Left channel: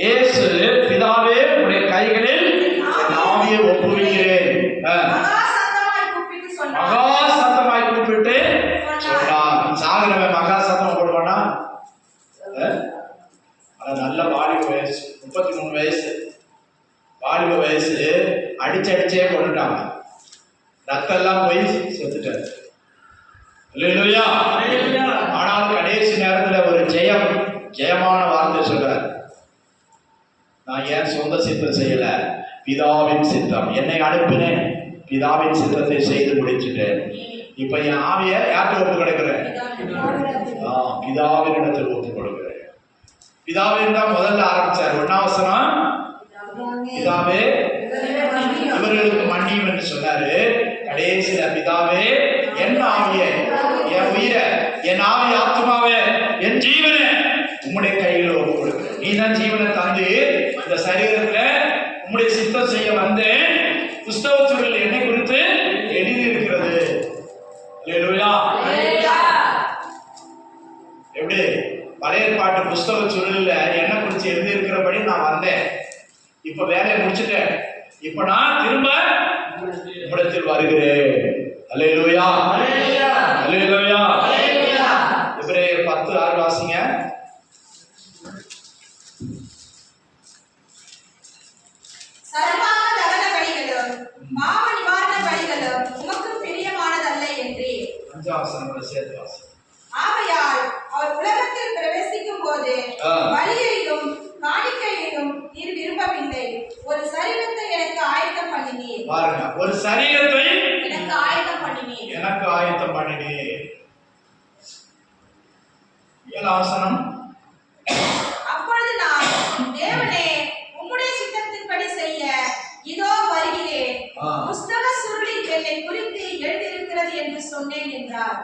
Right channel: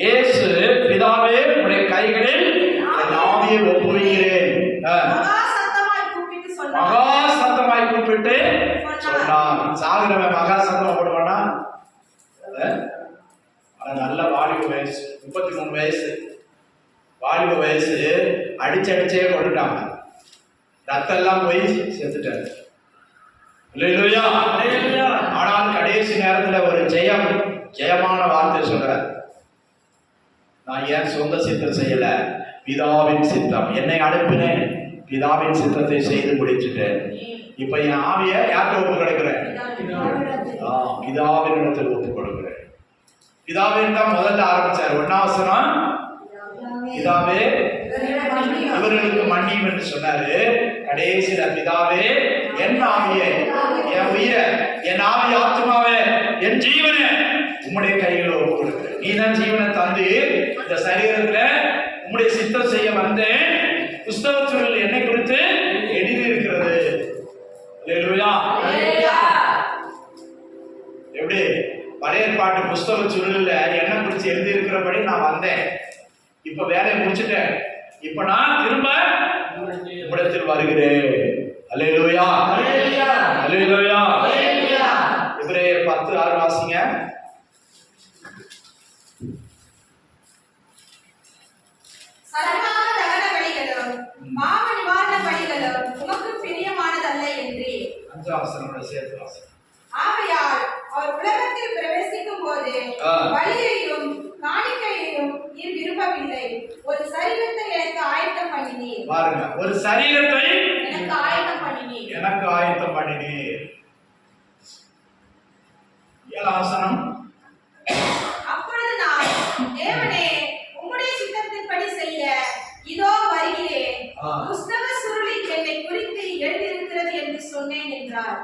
இயேசு பிதாவே உடைய கைகளில் என் ஆவியை ஒப்புவிக்கிறேன். மகா சத்தமாய் கூப்பிட்டு சொன்னார். சாகுறவன் மகா சத்தமா போடுவானா? நல்ல வாலிப வயசு, 33 வயசு வாலிப வயசு. அடிச்சே கொண்டுட்டாங்க. ரத்தம் எல்லாம் போய் செத்துட்டாரு. அல்லேலூயா. ஆனால் கடைசி நேரத்துல ஒரு ஜெயமான வார்த்தை சொல்றார். நான் ஏன் சொந்த சித்தம் செய்யல, பிதாவின் சித்தம். என்னை அனுப்பினேன், பிதாவின் சித்தத்தை செய்து முடிச்சுட்டேன். இப்ப என் ஆவிய யார்கிட்ட ஒப்பு கொடுக்கிறேன்? பிதாவின் இடத்தில் ஒப்பு கொடுக்கிறேன். பிதாவின் தான் முதல்ல ஆரம்பிச்சார். 1ஆம் வசனம், பிதாவே இவர்களுக்கு மன்னியும் என்று சொன்னாரு. கடைசியில பிதாவே என் ஆவியை, என் உயிரை, என் ஆவி ஆத்மாவே, என் ஜீவனை உம்முடைய கையில் ஒப்பு கொடுக்கிறேன். நீ தான் ஜீவனை தந்து இந்த சரீரத்துல உம்முடைய சித்தம் செய்ய வந்தேன். புஸ்தகத்தில் என்னை குறித்து எழுதி இருக்கிறது. அல்லேலூயா. எப்படி பழைய பாட்டு புஸ்தக சுருளில் என்ன குறித்து எழுதி இருக்கிறபடி நான் வந்தேன். இப்ப வேலையை முடிச்சுட்டேன். இப்ப நான் திரும்ப உம்மிடத்தில் வருகிறேன். அல்லேலூயா. அல்லேலூயா. எபிரேயர் 10:6 வாசிங்க. சேர்த்து வாசி. ஆகையால் அவர் உலகத்தில் பிரவேசிக்கும் போது பலியையும் காணிக்கையையும் நீர் விரும்பவில்லை, ஒரு சரீரத்தை எனக்கு ஆயத்தம் பண்ணினீர். பாருங்க, ஒரு சரீரத்தை எனக்கு ஆயத்தம் பண்ணினீர். எனக்கு ஆயத்தம் பண்ணினீர். 7ஆம் வசனம், அப்பொழுது நான் தேவனே உம்முடைய சித்தத்தின்படி செய்ய இதோ வருகிறேன், புஸ்தக சுருளில் என்னை குறித்து எழுதியிருக்கிறது என்று சொன்னேன் என்றார்.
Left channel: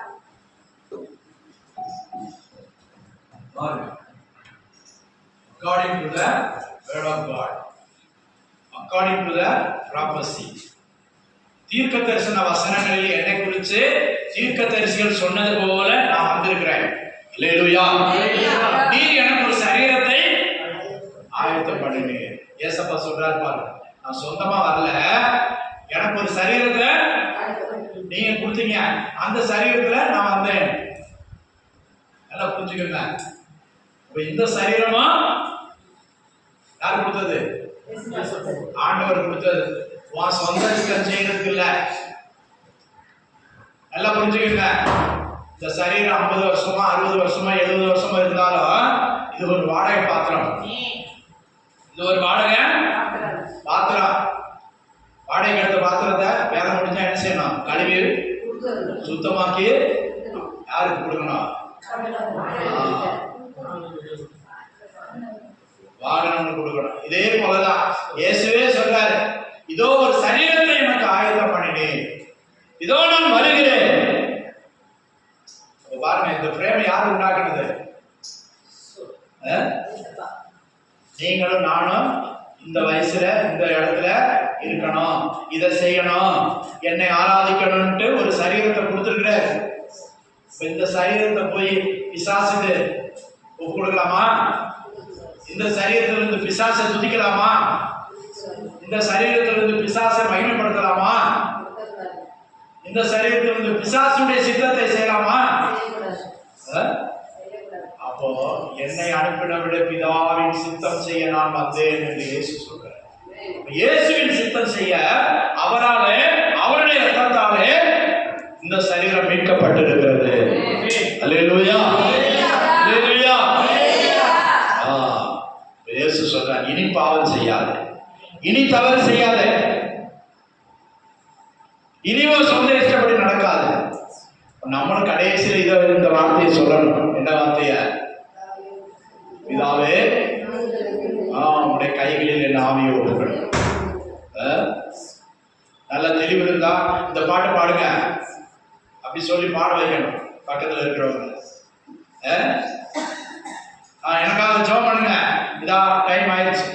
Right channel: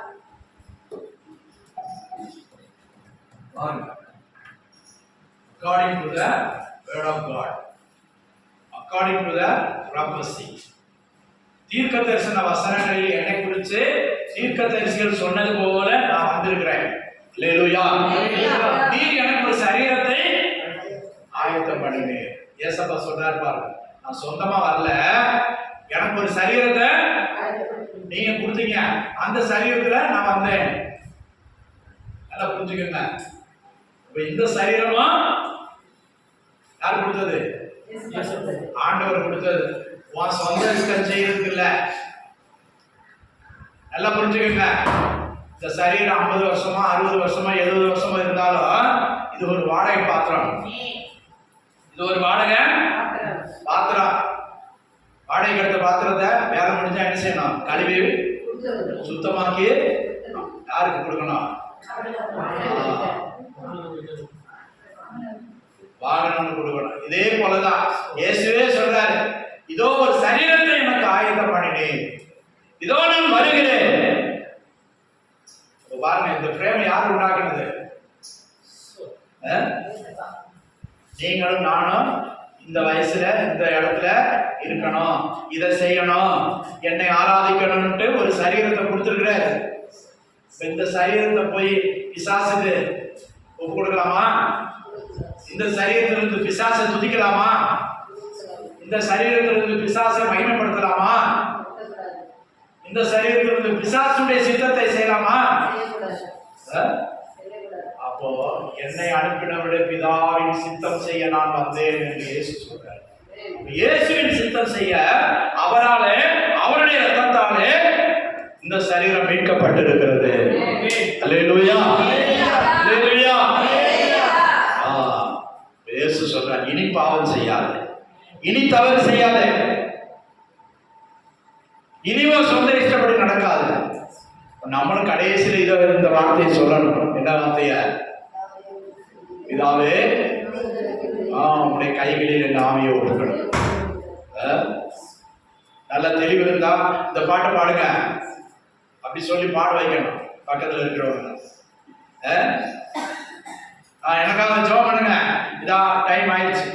According to the word of God, according to the prophecy, தீர்க்க தரிசன வசனங்களில் என்னை குறித்து தீர்க்க தரிசிகள் சொன்னது போல நான் வந்திருக்கிறேன். அல்லேலூயா. நீர் எனக்கு ஒரு சரீரத்தை ஆயத்தம் பண்ணினீர். ஏசப்பா சொல்றார் பாருங்க, நான் சொந்தமா வரல, எனக்கு ஒரு சரீரத்தை நீங்க கொடுத்தீங்க, அந்த சரீரத்துல நான் வந்தேன். நல்லா புரிஞ்சுக்கங்க. இந்த சரீரமா யார் கொடுத்தது? ஆண்டவர் கொடுத்தது. உன் சொந்த இஷ்டம் செய்யறதுக்கு இல்ல. நல்லா புரிஞ்சுக்கங்க. இந்த சரீரம் 50 வருஷமா 60 வருஷமா 70 வருஷமா இருந்தாலும் இது ஒரு வாடகை பாத்திரம். இது ஒரு வாடகை பாத்திரம். வாடகைக்கு எடுத்த பாத்திரத்தை வேலை முடிஞ்சா என்ன செய்யணும்? கழுவி சுத்தமாக்கி யாருக்கு கொடுக்கணும்? வாகனம் கொடுக்கணும். இதே போலதான் இயேசுவே சொல்றாரு, இதோ ஒரு சரீரத்தை எனக்கு ஆயத்தம் பண்ணினேன், இதோ நான் வருகிறேன். பாருங்க, இந்த பிரேம் யார் உண்டாக்குனது? நீங்களும் நானும் இந்த வயசுல இந்த இடத்துல இருக்கணும், இதை செய்யணும், என்னை ஆராதிக்கணும்ட்டு ஒரு சரீரத்தை கொடுத்துருக்கிறார். இந்த சரீரத்தை போய் பிசாசுக்கு ஒப்பு கொடுக்கலாமா? இந்த சரீரத்திலிருந்து பிசாசை துதிக்கலாமா? இந்த சரீரத்திலிருந்து பிசாசை மகிமைப்படுத்தலாமா? இந்த சரீரத்திலிருந்து பிசாசுடைய சித்தத்தை செய்யலாமா? அப்போ என்னை அனுப்பினவிட பிதாவின் சித்தம் செய்ய நான் வந்தேன் என்று இயேசு சொல்றார். இயேசுவின் சித்தம் செய்ய அவராலே, அவருடைய ரத்தத்தாலே இந்த சரீரம் மீட்கப்பட்டிருக்கிறது. அல்லேலூயா. அல்லேலூயா. இயேசு சொல்றார், இனி பாவம் செய்யாதே, இனி தவறு செய்யாதே, இனிவோ சொந்த இஷ்டப்படி நடக்காது. நம்மளும் கடைசியில் இந்த வார்த்தையை சொல்லணும். என்ன வார்த்தைய? பிதாவே உடைய கைகளில் என் ஆவியை ஒப்புக்கணும். நல்ல தெளிவு இருந்தா இந்த பாட்டு பாடுங்க, அப்படி சொல்லி பாட வைக்கணும் பக்கத்துல இருக்கிறவங்க. எனக்காக ஜெபம் பண்ணுங்க. இதா டைம் ஆயிடுச்சு.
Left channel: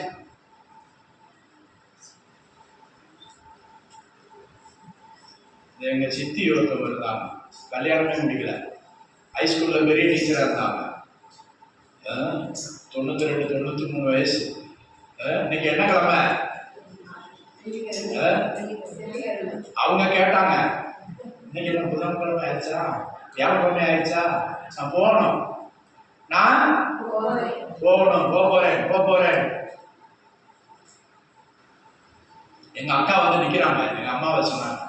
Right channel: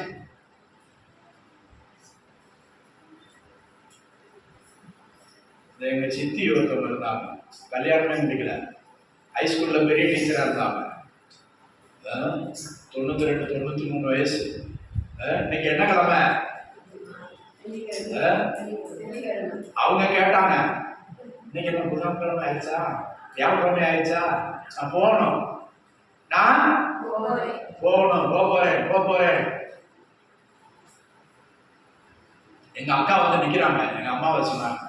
எங்க சித்தி ஒருத்தவங்க இருந்தாங்க, கல்யாணமே முடிக்கல, ஹைஸ்கூல்ல பெரிய டீச்சரா இருந்தாங்க. 92 93 வயசு. இன்னைக்கு என்ன கிழமை? அவங்க கேட்டாங்க, இன்னைக்கு என்ன புதன்கிழமை ஆயிடுச்சா, வியாழக்கிழமை ஆயிடுச்சா, நான் போகணும், நான் போறேன். எங்க அக்கா வந்து நிக்கிறாங்க, எங்க அம்மாவை சொன்னாங்க,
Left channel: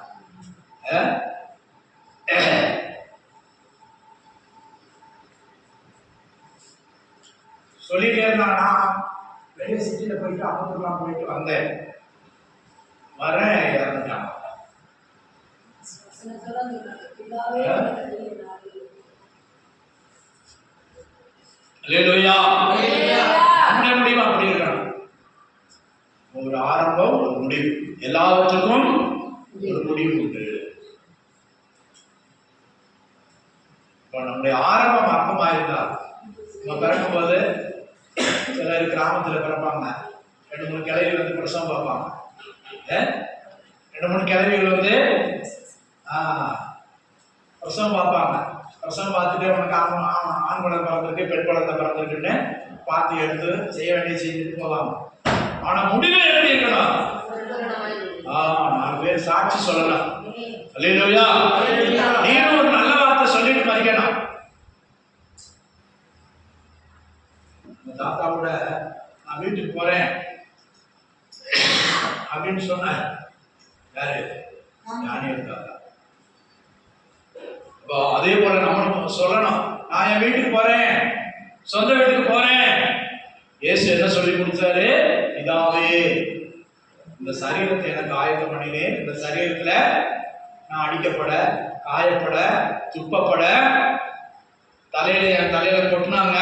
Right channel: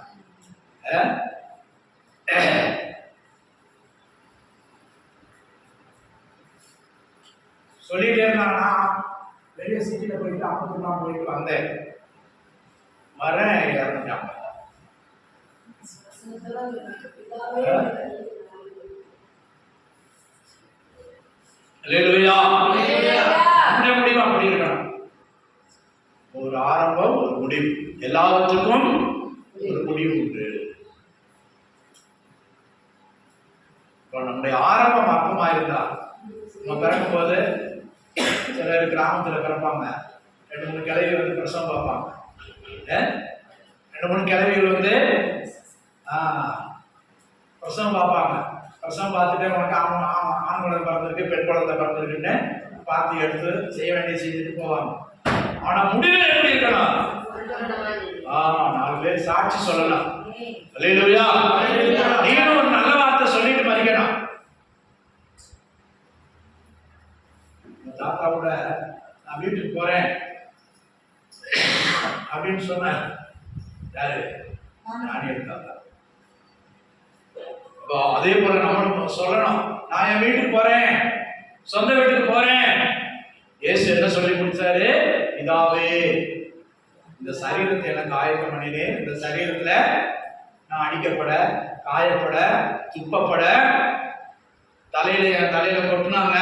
சொல்லிட்டே இருந்தாங்கன்னா வெளியே சிட்டியில போயிட்டு அமர்ந்துலாம் போயிட்டு வந்தேன், வரேன், இறந்துட்டாங்க. அல்லேலூயா. நம்முடைய முடிவு அப்படி இருக்கணும். ஒரு ஆரம்பம், ஒரு முடிவு. எல்லாவற்றுக்கும் ஒரு முடிவு உண்டு. இப்போ நம்முடைய ஆரம்பம் அற்பமாயிருந்தால், நம்ம பிறக்கும் போது சிலர் கிராமத்தில் பிறப்பாங்க, 2-3 கிழவி வந்து பிரசவம் பார்ப்பாங்க. 2-3 கிழவிகள் வந்து பிரசவம் பார்ப்பாங்க. பிரசவம் பார்த்துட்டு உனக்கு ஆண் குழந்தை பிறந்திருக்கு, பெண் குழந்தை பிறந்திருக்குன்னு பார்த்து எடுத்து செய்ய வேண்டிய செஞ்சுட்டு போவாங்க. ஆனா முடிவு எப்படி இருக்கணும்? 4 பேர் சாட்சி சொல்லலாம். அல்லேலூயா. நீனும் ஒரு நல்ல வார்த்தை சொல்லிட்டு மறிக்கணும். தாத்தா கூட நான் வீட்டுக்கு போறேன் அப்படின்னு சொன்னார். யாரு? ஞானியர் தாத்தா. அதே போல நம்மளும் சொல்லணும், நான் என் வீட்டுக்கு போறேன், சொந்த வீட்டுக்கு போறேன். இயேசு என்ன சொல்லி முடிச்சாரு? பிதாவே, இந்த சரீரத்தை எனக்கு ஆயத்தம் பண்ணினேன். இந்த சரீரத்துல நான் அடிக்கப்பட, காயப்பட, துப்பப்பட, என் தலையில கொட்டினாங்க,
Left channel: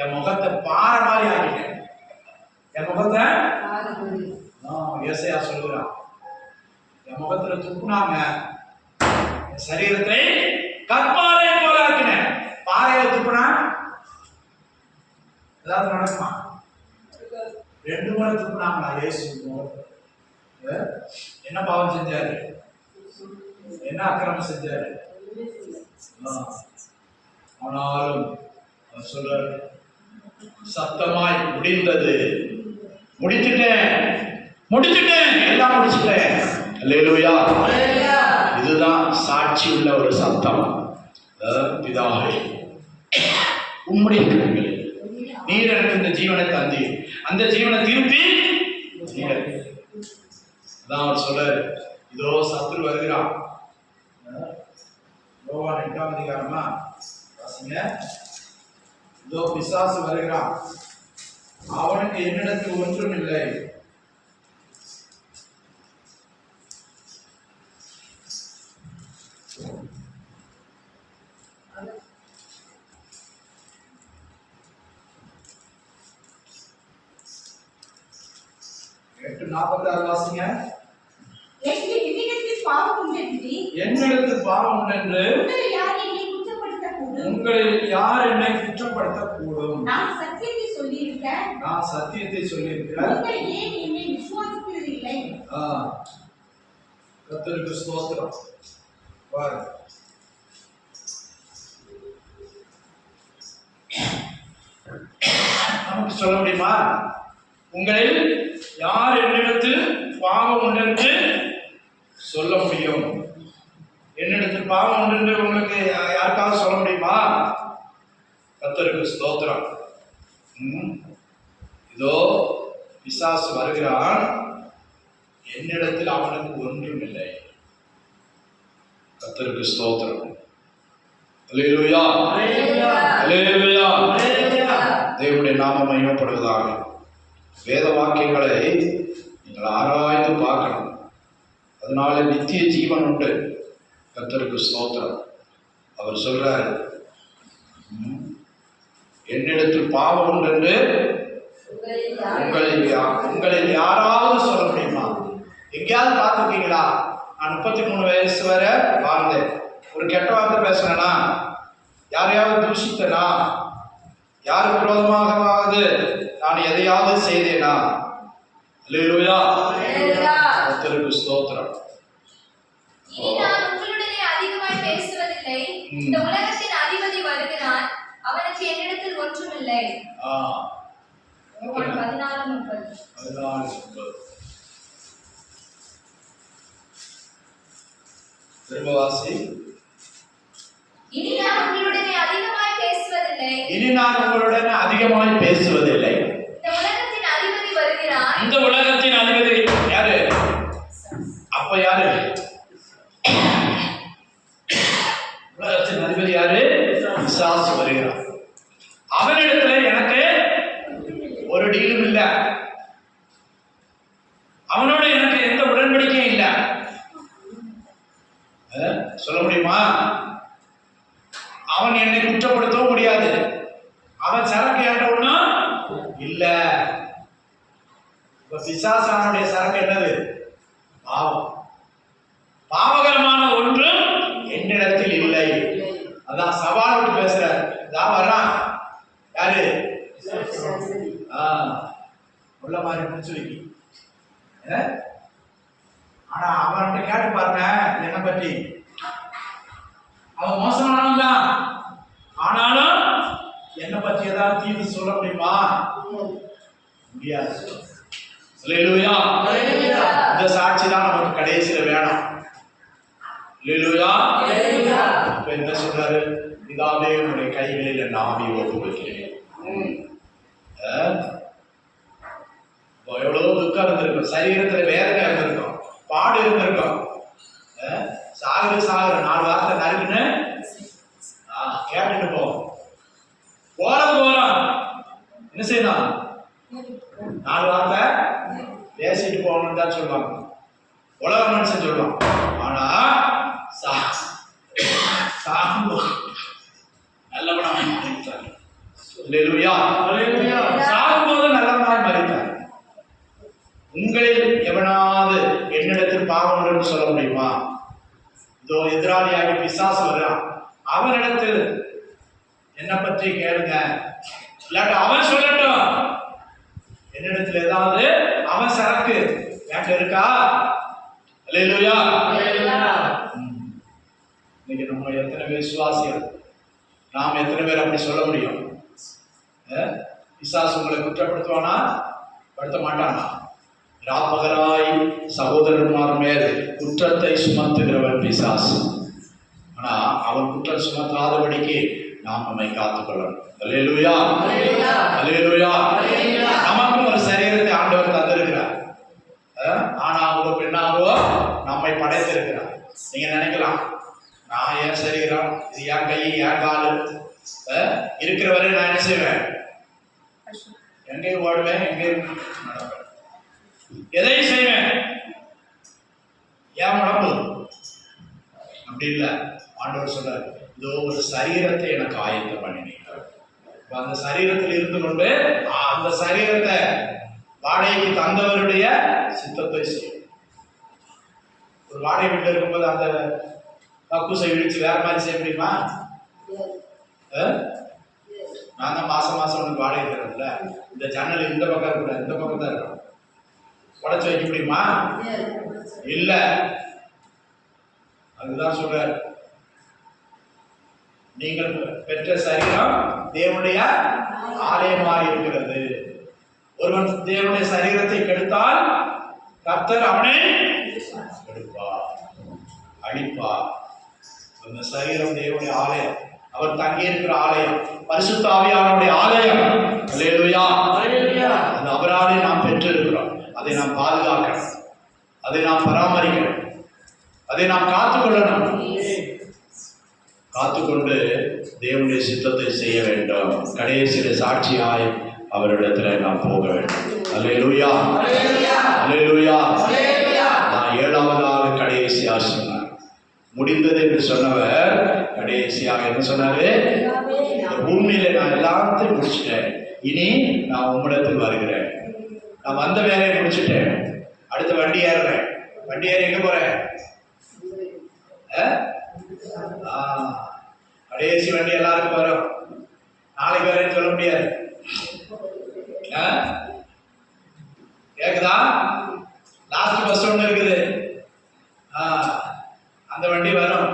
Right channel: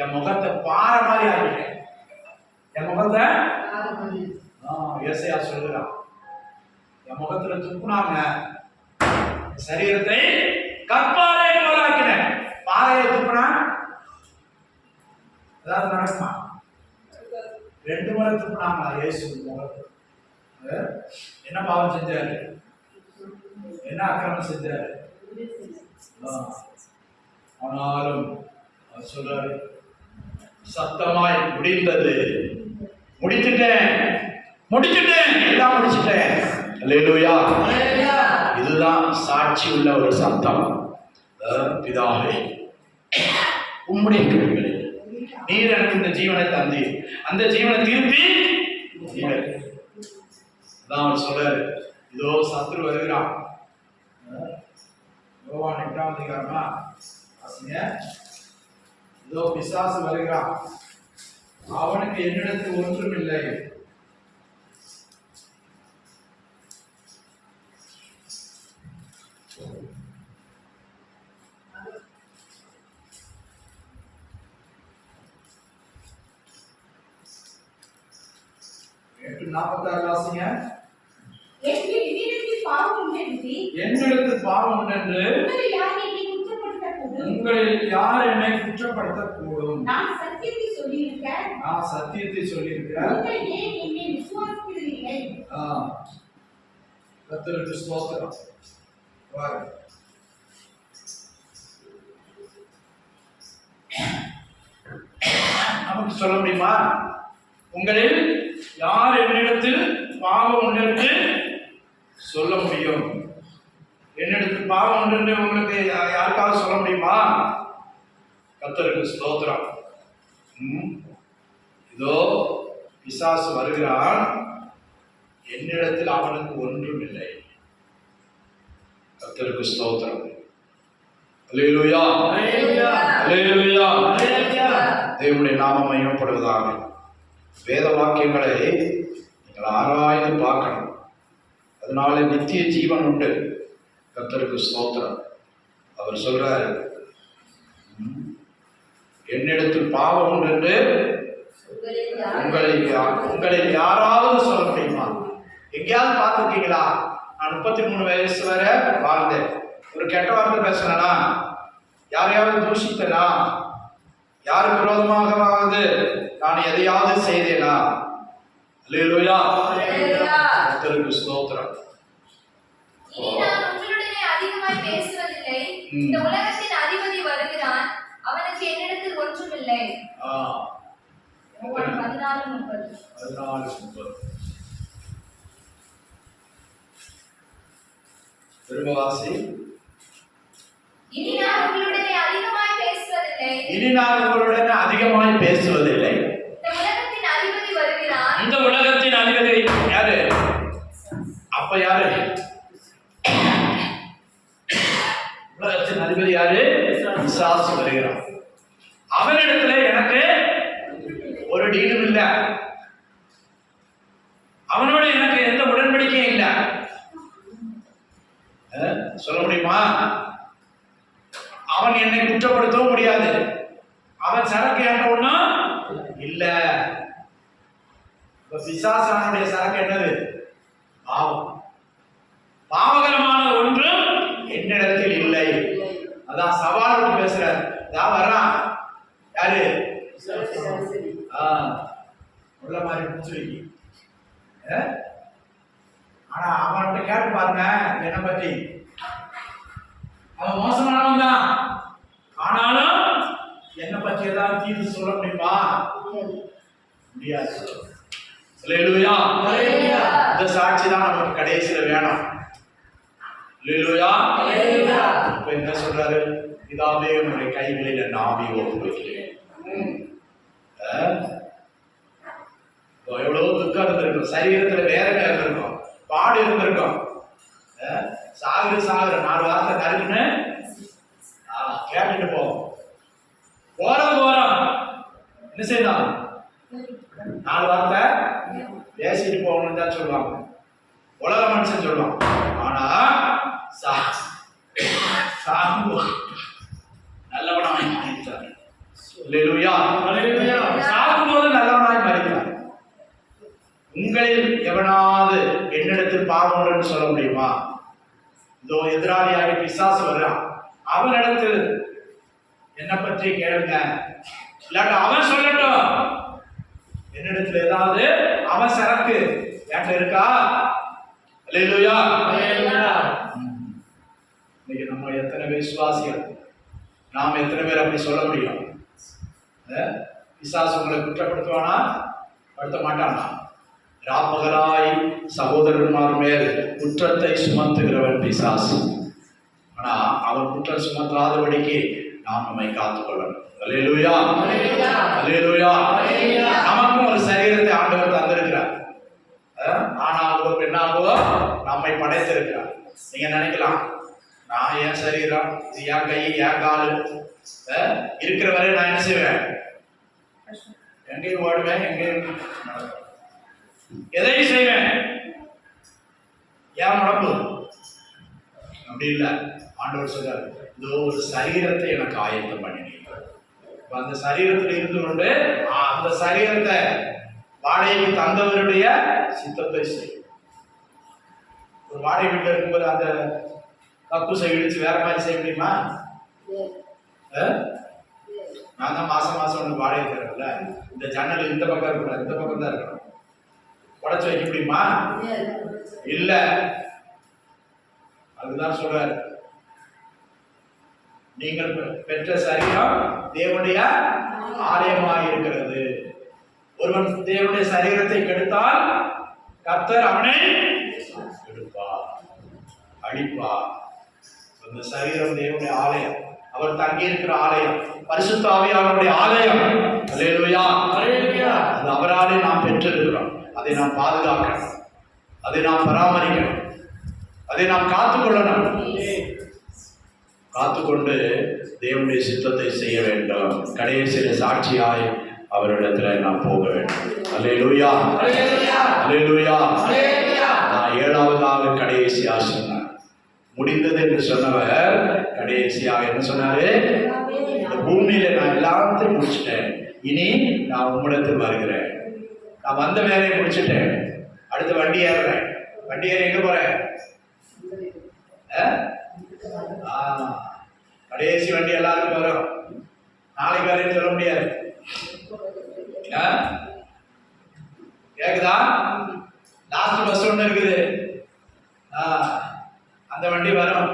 என் முகத்தை பாறை மாதிரி ஆக்கிட்டேன். என் முகத்தை ஏசையா சொல்லுறான், என் முகத்துல துப்புனாங்க, என் சரீரத்தை கற்பாறை போல ஆக்கினேன். பாறையை துப்புனா ஏதாவது நடக்குமா? 2 முறை துப்புனாங்களா இயேசு முகத்தை? என்ன பாவம் செஞ்சாரு? என்ன அக்கிரமம் செஞ்சாரு? ஆனாலும் அவர் சொல்றாரு, சத்தமாய் முடிந்தது, முடிச்சிட்டேன், எல்லாம் முடிச்சிட்டேன். அல்லேலூயா. இதுதான் சாட்சி உள்ள ஒரு சத்தம். பிதாவே, உம்முடைய கிருபைகளில் நீர் எனக்கு இந்த ஜீவனை தந்தீர், அந்த ஜீவனை திருப்பி அதான் அவர் சொல்றாரு. இதோ சத்ரு வருகிறான். யோவான் 8ஆம் அதிகாரமா வாசிங்க. இதோ பிசாசு வருகிறான், அவனுக்கு என்னிடத்தில் ஒன்றும் இல்லை. வாசிங்க. என்னிடத்தில் பாவம் உண்டென்று உங்களில் யார் என்னை குற்றப்படுத்தக்கூடும்? நான் சத்தியத்தை சொல்லியிருக்கிறேன். கர்த்தருக்கு ஸ்தோத்திரம். நமக்கு சொல்ல முடியுமா? உங்களில் யார் என்னிடத்தில் பாவம் உண்டென்று சொல்ல முடியும்? என்னிடத்தில் பாவம் உண்டென்று உங்களுக்கு யாருக்காவது சொல்ல முடியுமா? கர்த்தருக்கு ஸ்தோத்திரம். இதோ பிசாசு வருகிறான், என்னிடத்தில் அவனுக்கு ஒன்றும் இல்லை. கர்த்தருக்கு ஸ்தோத்திரம். அல்லேலூயா. அல்லேலூயா. தேவனுடைய நாமம் மகிமைப்படுவதாக. வேத வாக்கியங்களை நீங்கள் ஆராய்ந்து பார்க்கணும். அதனால நித்திய ஜீவன் உண்டு. கர்த்தருக்கு ஸ்தோத்திரம். அவர் சொல்றாரு, என்னிடத்தில் பாவம் உண்டு என்று உங்களில் யாராவது சொல்ல முடியுமா? எங்கேயாவது பார்த்துருக்கீங்களா? நான் 33 வயசு வரை வாழ்ந்தேன், ஒரு கெட்ட வார்த்தை பேசினா, யாரையாவது தூஷித்தனா, யாருக்கு விரோதமாகவாவது நான் எதையாவது செய்தேனா? அல்லேலூயா. கர்த்தருக்கு ஸ்தோத்திரம். அதிகமாய் பேசுவதில்லை. இந்த உலகத்தின் அதிபதி வருகிறான், அவனுக்கு என்னிடத்தில் ஒன்றுமில்லை. பேசுவதில்லை. ஆ, யோவான் 14:30. 14:30. திரும்ப வாசி. இனி நான் உங்களுடனே அதிகமாய் பேசுவதில்லை. இனி நான் உங்களுடன் அதிகமாய் பேசுவதில்லை. இந்த உலகத்தின் அதிபதி வருகிறான். இந்த உலகத்தின் அதிபதி யாரு? அப்ப யாரு? உலகத்தின் அதிபதி யாரு? பிசாசு வருகிறான். அவனிடத்துல எனக்கு ஒரு டீலும் இல்ல. அவனோட எனக்கு எந்த உடன்படிக்கையும் இல்ல. சொல்ல முடியுமா? அவன் என்னை குற்றப்படுத்தவும் முடியாது. அவன் சரக்கு என்ற ஒண்ணும் இல்ல. பிசாசானுடைய சரக்கு என்னது? பாவம். பாவகரமான ஒன்றும் என்னிடத்தில் இல்லை. அதான் சவால் விட்டு பேசுற. தான் வர்றான் யாரு? உள்ள மாதிரி முடிச்சு வைக்கி. ஆனா அவன்கிட்ட கேட்டு பாருங்க என்ன பற்றி. அவன் மோசமானவன் தான். ஆனாலும் என்ன பற்றி ஏதாவது தீர்வு சொல்ல முடியுமா? முடியாது. அல்லேலூயா. இந்த சாட்சி தான் நமக்கு கடைசியில வேணும். அல்லேலூயா. இப்ப என்ன சொல்றாரு? பிதாவே உம்முடைய கைகளில் என் ஆவியை ஒப்புவிக்கிறேன். எவ்வளவு துக்கம் இருந்திருக்கும், சரீரத்துல வேதனை இருந்திருக்கும், பாடு இருந்திருக்கும். சாகுற 4 வார்த்தை நறுக்குன்னு கேட்டுட்டு போறோம். என்ன செய்யணும்? 4 வார்த்தை பேசிட்டு போகணும்னு தான் சொல்லுவாங்க. உலக மனுஷன் சொல்லுவான். ஆனா நல்லவனாய் மரித்தார். அல்லேலூயா. சாகும்போது நல்லவனாய் மரித்தார். உங்களில் எவனாவது என்னிடத்தில் பாவம் என்று சொல்ல முடியுமா? இதோ எதிராளியாக பிசாசு வர்றான். அவனிடத்தில் என்ன பற்றி கேளுங்க. இல்லாட்ட அவன் சொல்லட்டும். என்னிடத்தில் ஏதாவது அவன் சரக்கு என்கிட்ட இருக்கா? அல்லேலூயா. இன்னைக்கு நம்ம எத்தனை பேர் விசுவாசிகள்? நாம் எத்தனை பேர் அப்படி சொல்ல முடியும்? பிசாசு உங்களை குற்றப்படுத்துவானா? படுத்த மாட்டானா? ராப்பகராய் சகோதரன்மார் மேல் குற்றத்தை சுமத்துகிறவன் பிசாசு. ஆனா அவன் குற்றம் சுமத்தாதபடிக்கு நாம் நம்மை காத்துக்கொள்ளணும். அல்லேலூயா. அல்லேலூயா. நமக்கும் ஒரு சரீரத்தை ஆண்டவர் தந்திருக்கிறார். ஆணாகவோ பெண்ணாகவோ நம்மை படைத்திருக்கிறார். நீங்க நினைக்கலாம், நான் என் சரீரம், இது என் கை, என் காலு இருக்கிற வரை நான் என்ன செய்வேன்? எங்கேயும் ஓடுவேன், எங்கேயும் நடப்பேன், எதையும் செய்வேன். ஏன் உடம்பு அப்படி இல்லை. ஆண்டவர் சொல்றார், இதோ ஒரு சரீரத்தை எனக்கு ஆயத்தம் பண்ணினீங்க. அந்த சரீரத்தில் இருந்து கொண்டு அந்த சரீரத்தை வாடகைக்கு தந்தவருடைய சித்தத்தை செய்யும். ஒரு வாடகை வீட்டில் இருக்கும்போது அந்த கக்கூசை இடிச்சு வேற மாதிரி செய்ய முடியுமா? நான் தான் மாசம் உனக்கு வாடகை தரல, இந்த ஜன்னல் இந்த பக்கம் இருக்கக்கூடாது, இந்த பக்கம் தான் இருக்கணும், உடச்சு வைக்க முடியுமா? இல்ல. அதுதான் சொல்றாரு, நீங்கள் பெற்ற சரீரம் தேவனுடைய ஆலயமாக இருக்கிறது. ஒருவன் தேவனுடைய சரீரத்தை கெடுத்தால் கர்த்தர் அவனை கெடுப்பார், அழிப்பார். இந்த சரீரம் தேவனுடைய ஆலயம், அவர் தங்கி இருக்கிற ஆலயம், பரிசுத்த ஆவியானவருடைய ஆலயம். அல்லேலூயா. அது அவராலே நாம் பெற்றிருக்கிறோம். அதை நாம் பாதுகாக்கணும், அதை நாம் பராமரிக்கணும், அதை நாம் காத்துக்கொள்ளணும். காத்துக்கொண்டு தேவனுடைய சித்தத்தை செய்ய வேண்டும். கடைசியில் சாட்சியாய் அவரிடத்தில் நாம் போக வேண்டும். அல்லேலூயா. அல்லேலூயா. நான் 7வதாக கடைசியா சொன்னார். முடிந்தது என்று சொன்னவர் கடைசியாக என்ன சொன்னாரு? இந்த பூமியில நான் எல்லாத்தையும் முடிச்சுட்டேன், இனி நான் உம்மிடத்தில் வருகிறேன். நான் வந்த வேலையை முடிச்சுட்டேன், அடுத்த வண்டி ஏறுறேன். வண்டி ஏறி எங்க போறேன்? கடைசி வண்டி எல்லாருக்கும் வரும். நாளைக்கு வரேன்னு சொல்ல முடியாது. கேக்குதா? லாஸ்ட் பஸ் ஒண்ணு இருக்குது, அந்த வண்டி வரும்.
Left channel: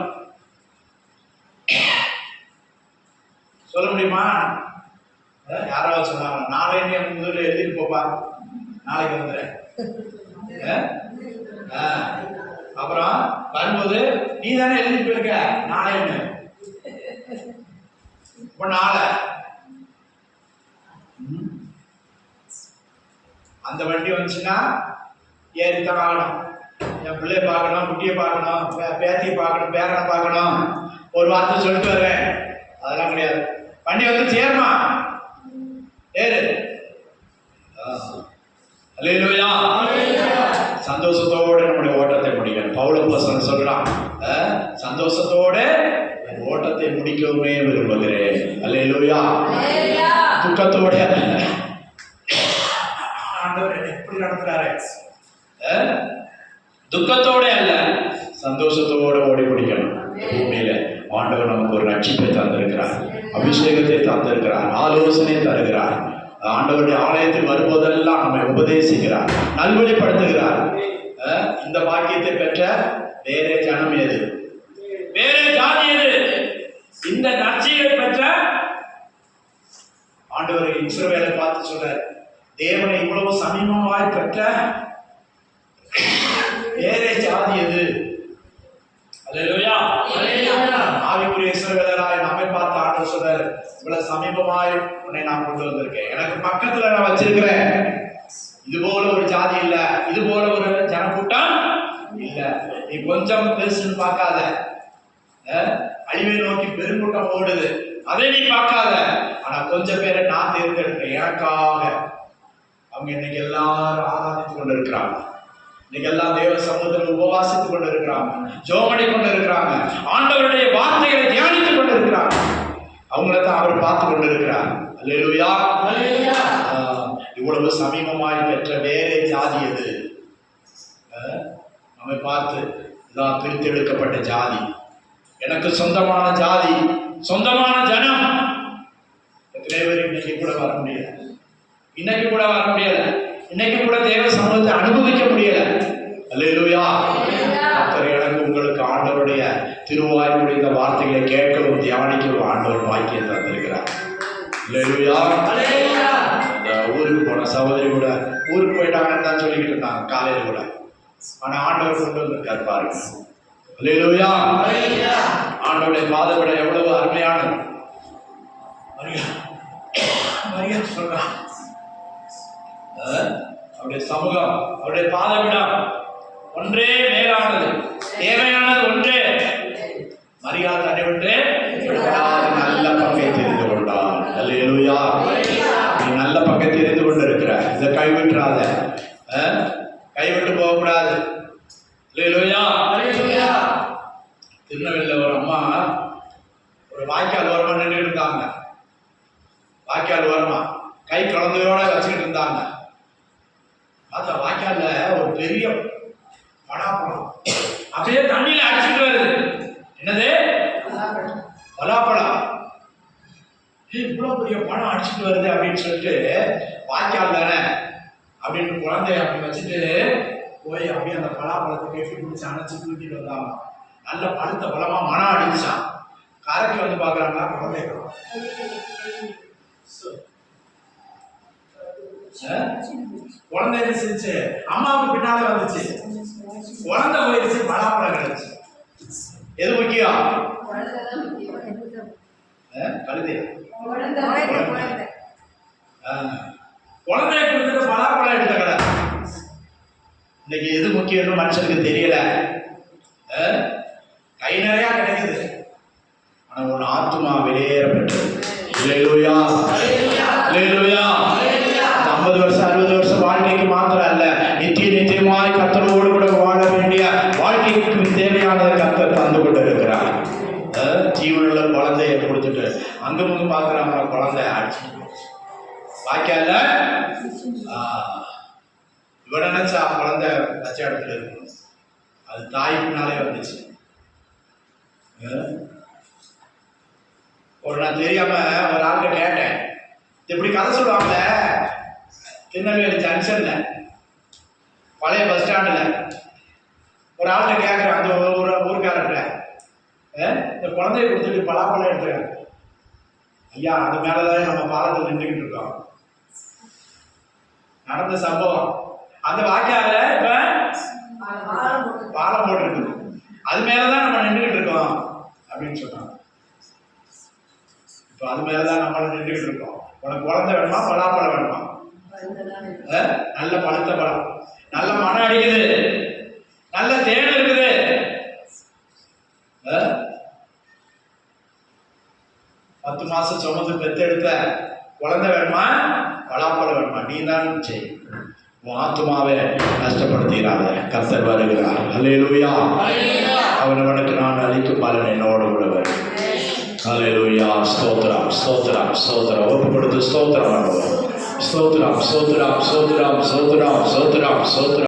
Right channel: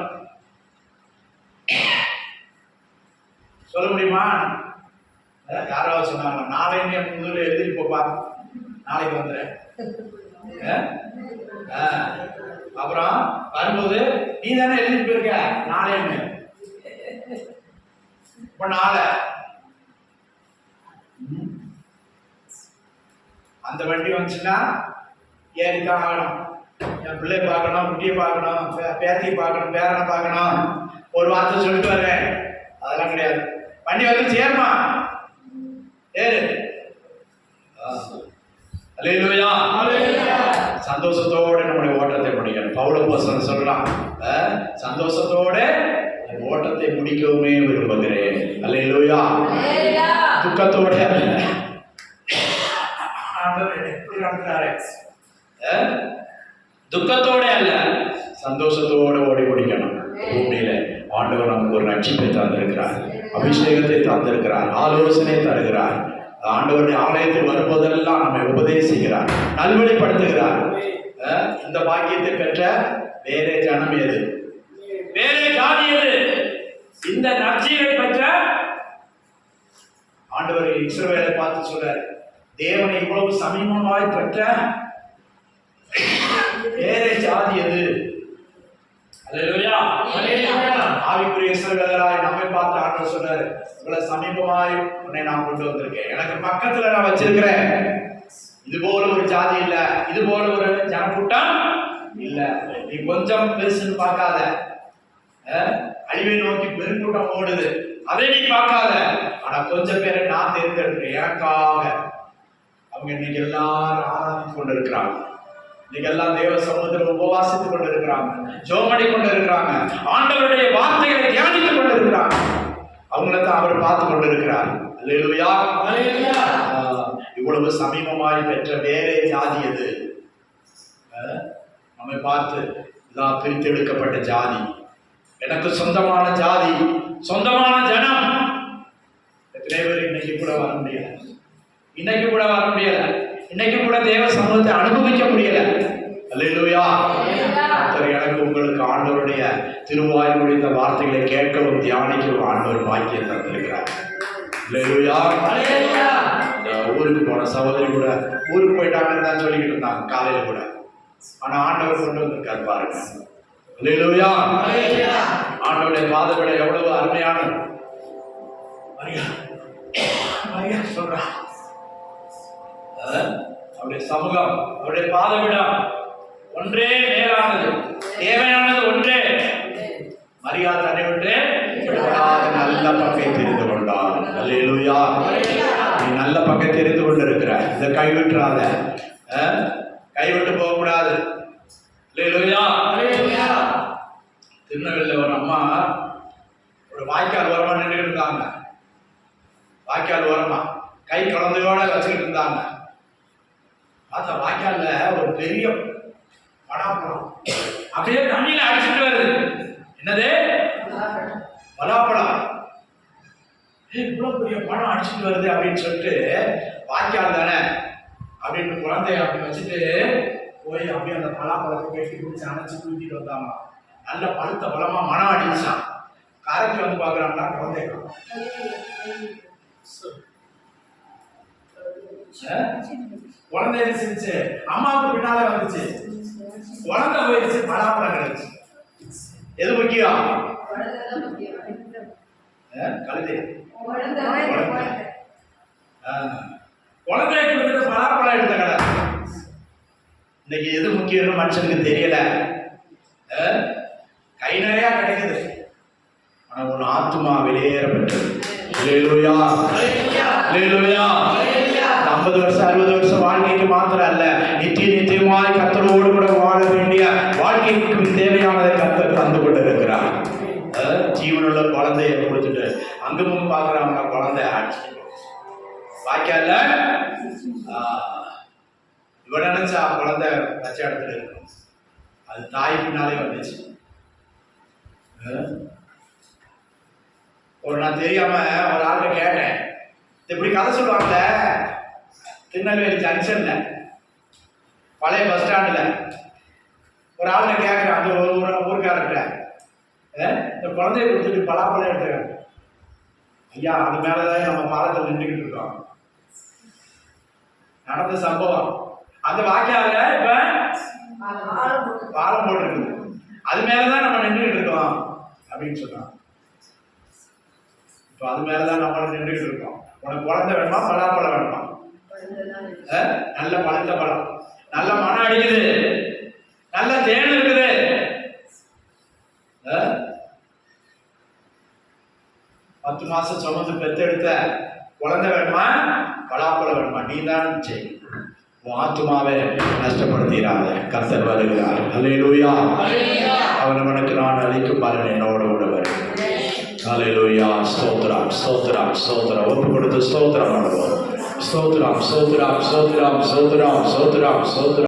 சொல்ல முடியுமா? யாராவது சொன்னாங்க நாளை நீ முதல்ல எழுதிட்டு போப்பா, நாளைக்கு வந்துடுறேன். அப்புறம் வரும்போது நீ தானே எழுதிட்டு போயிருக்க நாளைன்னு, இப்ப நாளை அந்த வண்டி வந்துச்சுன்னா ஏறித்தான் ஆகணும். என் பிள்ளைய பார்க்கணும், குட்டியை பார்க்கணும், பேத்தியை பார்க்கணும், பேரனை பார்க்கணும், ஒரு வார்த்தை சொல்லிட்டு வருவேன், அதெல்லாம் கிடையாது. வண்டி வந்து சேருமா, ஏறு. அல்லேலூயா. சந்தோஷத்தோட நம்முடைய ஓட்டத்தை முடிக்கணும். பவுலப்போஸ்தலன் சொல்றான், சந்தோஷத்தோட ஓட்டத்தை முடிக்கவுமே விரும்புகிறேன். அல்லேலூயா. துக்கத்தோட ஆண்டவர் எப்படி நடத்துறாரு, துக்கத்தோட அல்ல சந்தோஷத்தோட ஓடி முடிக்கணும். பூமியில ஆண்டவர் நமக்கு ஒரு ரட்சிப்பை தந்திருக்கிறார், அபிஷேகத்தை தந்திருக்கிறார், ஆலோசனை தருகிறார். ஆண்டவருடைய ஆலயத்தில் வரும்போதெல்லாம் நம்மை உபதேசிக்கிறார், நல்வழிப்படுத்துகிறார். இந்த பாக்கியத்தை பெற்ற வேறே ஜனம் எது, வேறே ஜாதி எது? இந்த நற்செய்தியை பெற்ற ஆண்டவர் இஸ்ரவேலை பார்த்து சொல்றார், தேவனை இவ்வளவு சமீபமாய் பெற்ற வேறே ஜாதி எது? அல்லேலூயா. ஆவிக்குரிய இஸ்ரவேலராய் நம்மை பார்த்து ஆண்டவர் சொல்றாரு, இவ்வளவு சமீபமாய் உன்னை நான் கொண்டு வந்திருக்கேன், எனக்கு பக்கத்துல நான் வச்சிருக்கிறேன். இது போல ஒரு ஜாதி இல்ல, இது போல ஒரு ஜனக்கூட்டம் இல்ல. நீ கொஞ்சம் பெருசுன்னு பார்க்காத, அழிவை நோக்கி பெருங்கூட்டம் ஓடுது, அதை நீ பார்க்காத. ஆனா கொஞ்சம் பேரை நான் தேர்ந்தெடுக்கிறேன் எனக்காக. அவங்க இன்னைக்கு எல்லாரும் ஆராதித்து கொண்டு இருக்கிறாங்க, இன்னைக்கு எல்லாம் தேவ சமூகத்தில் உபவாசித்துக் கொண்டு இருக்கிறாங்க, ஜோமடி கொண்டு இருக்கிறாங்க, ஆண்டவருடைய வார்த்தைகளை தியானித்துக் கொண்டு இருக்கிறாங்க. அவங்களை தான் அவர் பார்த்து கொண்டு இருக்கிறார். அல்லேலூயா. இவ்வளவு சமீபமாய் பெற்ற வேறே ஜாதி எது? நம்மை பார்த்து இதான் பிரித்தெடுக்கப்பட்ட ஜாதி, எனக்கு சொந்தமான ஜாதி, சொந்தமான ஜனம். எத்தனை பேர் இன்னைக்கு கூட வர முடியல, இன்னைக்கு கூட வர முடியல, இன்னைக்கு கூட தேவ சமூகத்தை அனுபவிக்க முடியல. அல்லேலூயா. கர்த்தர் எனக்கு உங்களுக்கு ஆண்டவருடைய திருவாய்மொழி இந்த வார்த்தைகளை கேட்கவும் தியானிக்கவும் ஆண்டவர் பாக்கியம் தந்திருக்கிறார். அல்லேலூயா. அந்த ஊருக்கு போன சகோதரி கூட ஊருக்கு போயிட்டாங்கன்னு தான் சொல்லிக்கிட்டு இருந்தாங்க காலையில கூட, ஆனா ஆண்டவர் கொண்டு வந்திருக்காரு பாருங்க. அல்லேலூயா. ஆண்டவருடைய பாதவிட எவ்வளவு அருமையானது. மரியா சொல்றான், அவருடைய சமூகம், அவருடைய பாதவிடம் ஒன்றே மேலானது, தேவையானது ஒன்றே. மரியா தன்னை விட்டு நல்ல பங்கை தெரிந்து கொண்டார். அல்லேலூயா. நீ நல்ல பங்கை தெரிந்து கொண்டு இருக்கிற, இதை கைவிட்டுறாத, கைவிட்டு போக கூடாது. அல்லேலூயா. திருநெல்வேலியில் ஒரு அம்மா ஒரு வாய்க்கால் ஓரமா நின்றுட்டு இருந்தாங்க, வாய்க்கால் ஓரமா கை குழந்தையோட வச்சுக்கிட்டு இருந்தாங்க. பார்த்தா வாய்க்கால்ல ஒரு பெரிய பலாப்பழம் அப்படியே தண்ணியில அடிச்சுட்டு வருது. என்னது? பலாப்பழம். இவ்வளவு பெரிய பழம் அடிச்சுட்டு வருது அப்படின்னு சொல்லிட்டு, வாய்க்கால் தானே அப்படின்னு குழந்தைய அப்படி வச்சுட்டு போய் அப்படியே அந்த பலாப்பழத்தை கெட்டி பிடிச்சி அணைச்சு தூக்கிட்டு வந்தாங்க. நல்ல பழுத்த பழமா மனம் அடிச்சான். கரைக்கு வந்து பாக்குறாங்களா, குழந்தை குழந்தை என்ன செஞ்சு அம்மாவுக்கு பின்னாலே வந்துச்சு, குழந்தை போயிடுச்சு, பலாப்பழம் கிடைச்சு. எது முக்கியம்? கழுதையா? குழந்தைய கொடுத்துட்டு பலாப்பழம் எடுத்த கடை. இன்னைக்கு எது முக்கியம்னு மனுஷனுக்கு தெரியல. கை நிறையா கிடைக்குது, ஆனா ஒரு ஆத்துமா வெளியேறப்பட்டது. அல்லேலூயா. அல்லேலூயா. 50 வருஷம் 60 வருஷம் வாழ்க்கைக்கு மாத்திரம் அல்ல, நித்தியமாய் கர்த்தரோடு கூட வாழ வேண்டிய வாழ்க்கைக்கு தேவையானதை கர்த்தர் தந்து கொண்டு இருக்கிறார். ஜீவனுள்ள குழந்தைய கொடுத்துட்டு அங்க முங்க பாக்குறாங்க, குழந்தை ஆட்சி வாய்க்கால இவ நினைச்சா குழந்தை பச்சை இடத்துல இருக்கணும், அது தாய் பின்னாலே வந்துச்சு. ஒரு நான் தெரியாம ஒரு ஆள்கிட்ட கேட்டேன், இப்படி கதை சொல்லுவாங்கல்ல, திருநெல்வேலி ஜங்ஷன்ல பழைய பஸ் ஸ்டாண்டுல ஒரு ஆள்கிட்ட கேட்குறேன், அந்த ஊருக்காரர்கிட்ட, இந்த குழந்தைய கொடுத்துட்டு பலாப்பழம் எடுத்துக்காங்க. ஐயா, அது மேலதான் நம்ம பாலத்தில் நின்றுக்கிட்டு இருக்கோம், நடந்த சம்பவம். அந்த வாக்கியாவில இப்ப பாலம் போட்டிருக்குது. அது மேலதான் நம்ம நின்றுகிட்டு இருக்கோம் அப்படின்னு சொன்னான். இப்ப அது மேலதான் நம்ம நின்றுகிட்டு இருக்கோம். உனக்கு குழந்தை வேணுமா, பலாப்பழம் வேணுமா? நல்ல பழுத்த பழம், நல்ல மனம் அடிக்குது, நல்ல தேன் இருக்குது. 10 மாசம் சுமந்து பெத்தெடுத்த குழந்தை வேணுமா, பலாப்பழம் வேணுமா? நீ தான் செய். உன் ஆத்துமாவை நஷ்டப்படுத்துகிறார். கர்த்தர் வருகிறார். அல்லேலூயா. அவனவனுக்கு நான் அளிக்கும் பலன் என்னோடு கூட வரும். அல்லேலூயா. ஸ்தோத்திரம் ஸ்தோத்திரம் ஸ்தோத்திரம். ஒப்பு கொடுத்து ஸ்தோத்திரம் பண்ணுவோம். ஸ்தோத்திரம் ஸ்தோத்திரம் ஸ்தோத்திரம் ஸ்தோத்திரம் ஸ்தோத்திரம் ஸ்தோத்திரம்.